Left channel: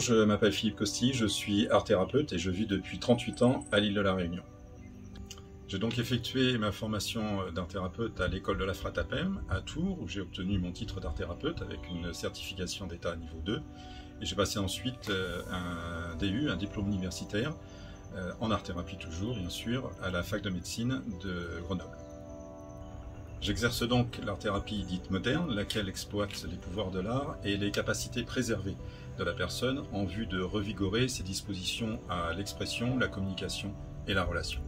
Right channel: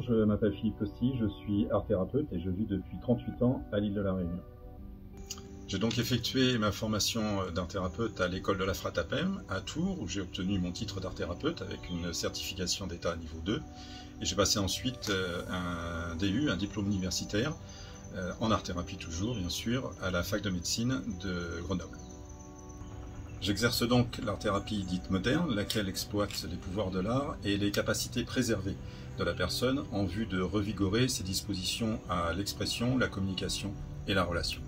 Bonjour, je m'appelle Philippe Costi, je suis art thérapeute et je vis depuis 38 ans à l'île de la Réunion. J'ai donc effectué ma formation d'art thérapeute à l'école de la Fratapem à Tours, où j'ai obtenu mon titre d'art thérapeute avec une certification d'état niveau 2. Et j'ai passé ensuite un DU, un diplôme universitaire, en art thérapie toujours, bien sûr, à la fac de médecine de Grenoble. J'exerce donc l'art thérapie dite moderne, laquelle exploite les pouvoirs de l'art et les capacités préservées de la personne en vue de revigorer ses dispositions à l'expression, la communication et la relation.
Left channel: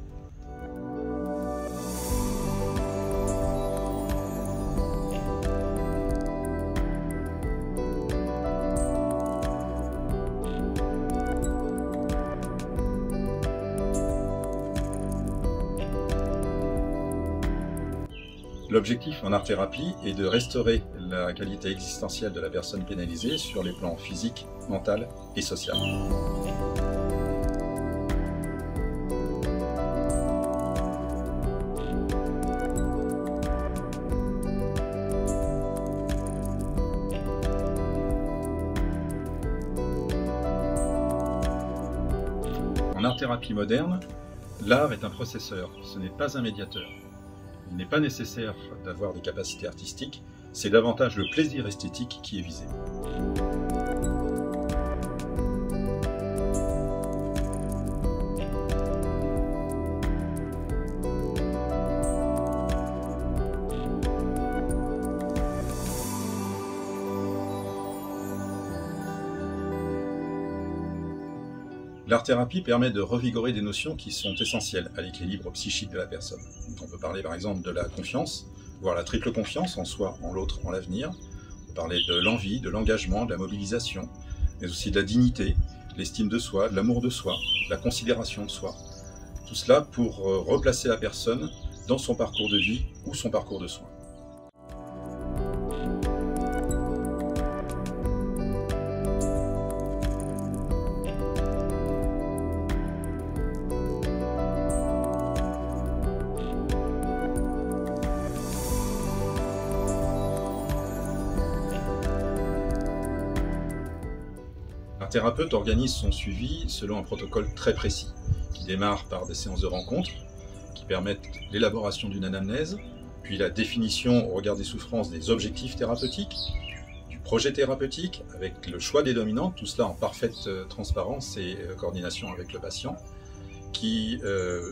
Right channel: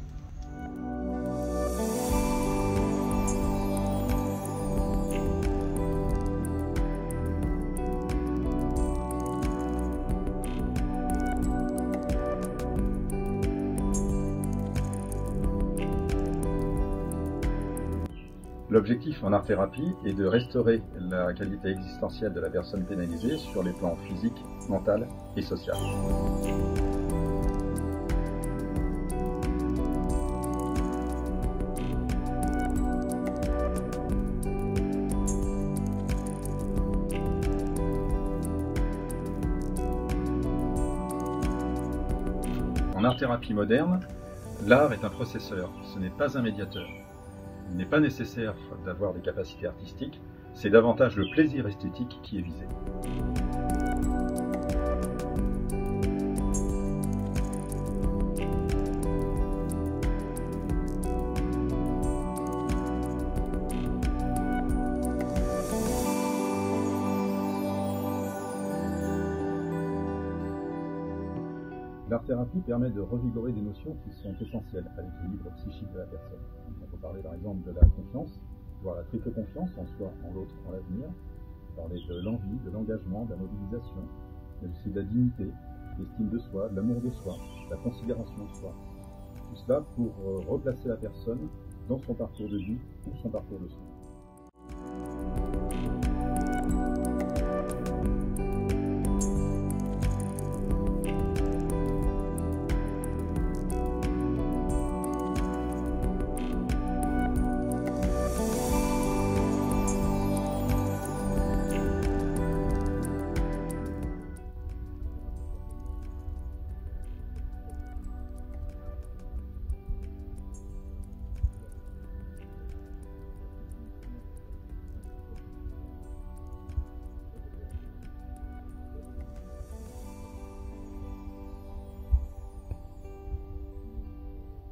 L'objectif en art-thérapie est de restaurer la qualité existentielle de la personne pénalisée sur les plans physique, mental et social. En art-thérapie moderne, l'art est un processeur, ce n'est pas un médiateur. Il n'est pas nécessaire d'avoir des capacités artistiques, c'est davantage le plaisir esthétique qui est visé. L'art-thérapie permet de revigorer des notions qui sont essentielles à l'équilibre psychique de la personne. Donc on peut parler par exemple de la confiance, voire la triple confiance en soi, en l'autre, en l'avenir. On peut parler de l'envie, de l'engagement, de la mobilisation, mais aussi de la dignité, l'estime de soi, de l'amour de soi, de la considération de soi. Tout cela pour replacer la personne dans son parcours de vie ou son parcours de soins. Un thérapeute organise son suivi selon un protocole très précis, qui démarre par des séances de rencontres, qui permettent l'élaboration d'une anamnèse, puis la définition au regard des souffrances des objectifs thérapeutiques, du projet thérapeutique, avec le choix des dominantes, tout cela en parfaite transparence et coordination avec le patient, qui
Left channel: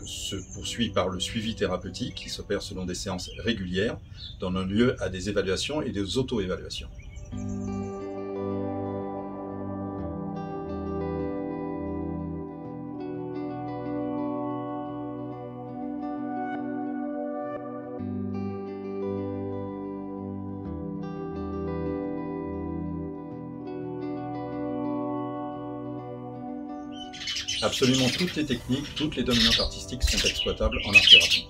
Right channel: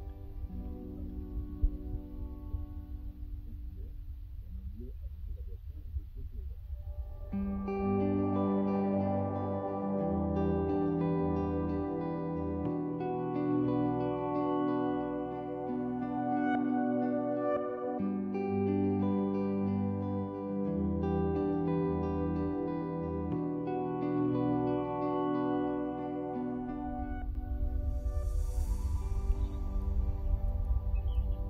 se poursuit par le suivi thérapeutique, qui s'opère selon des séances régulières, donnant lieu à des évaluations et des auto-évaluations. Absolument toutes les techniques, toutes les dominantes artistiques sont exploitables en art-thérapie.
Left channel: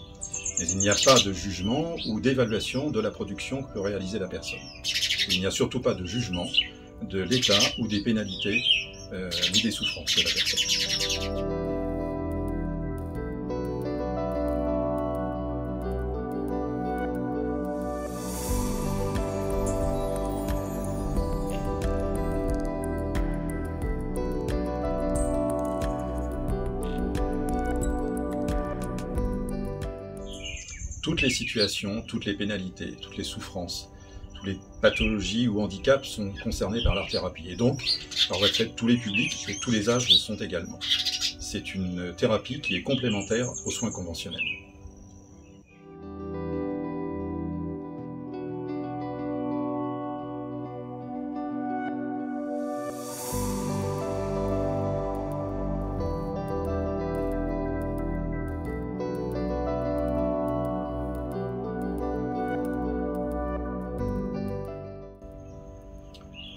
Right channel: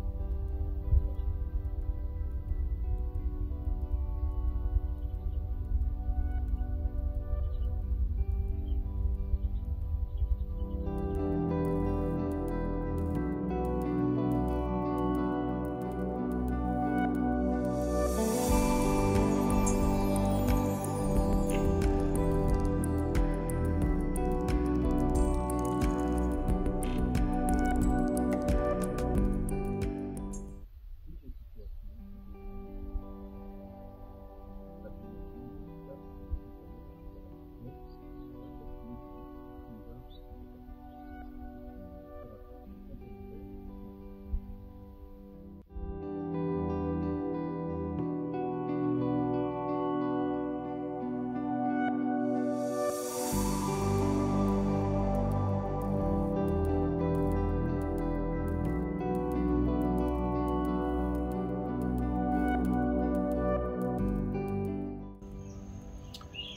Mais il n'y a pas de jugement ou d'évaluation de la production que peut réaliser la personne. Il n'y a surtout pas de jugement de l'état ou des pénalités ni des souffrances de la personne. Toutes les situations, toutes les pénalités, toutes les souffrances, toutes les pathologies ou handicaps sont concernés par l'art-thérapie. Et donc, par retraite, tous les publics et tous les âges le sont également. C'est une thérapie qui est complémentaire aux soins conventionnels.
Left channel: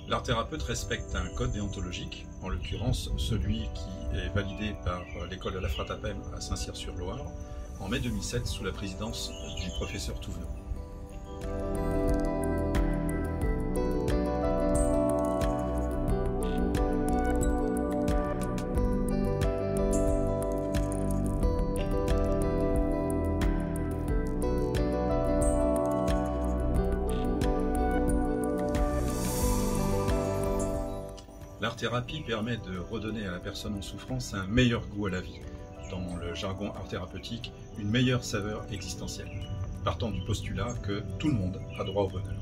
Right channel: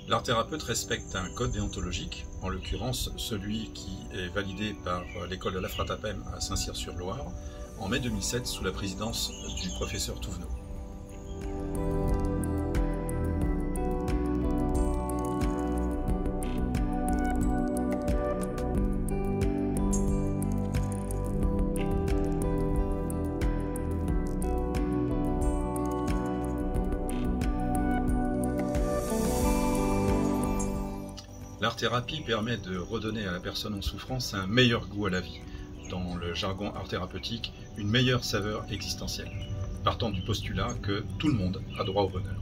L'art thérapeute respecte un code déontologique, en l'occurrence celui qui est validé par l'école de la Fratapem à Saint-Cyr-sur-Loire en mai 2007 sous la présidence du professeur Touvenot. L'art-thérapie permet de redonner à la personne en souffrance un meilleur goût à la vie, dans le jargon art thérapeutique, une meilleure saveur existentielle, partant du postulat que tout le monde a droit au bonheur.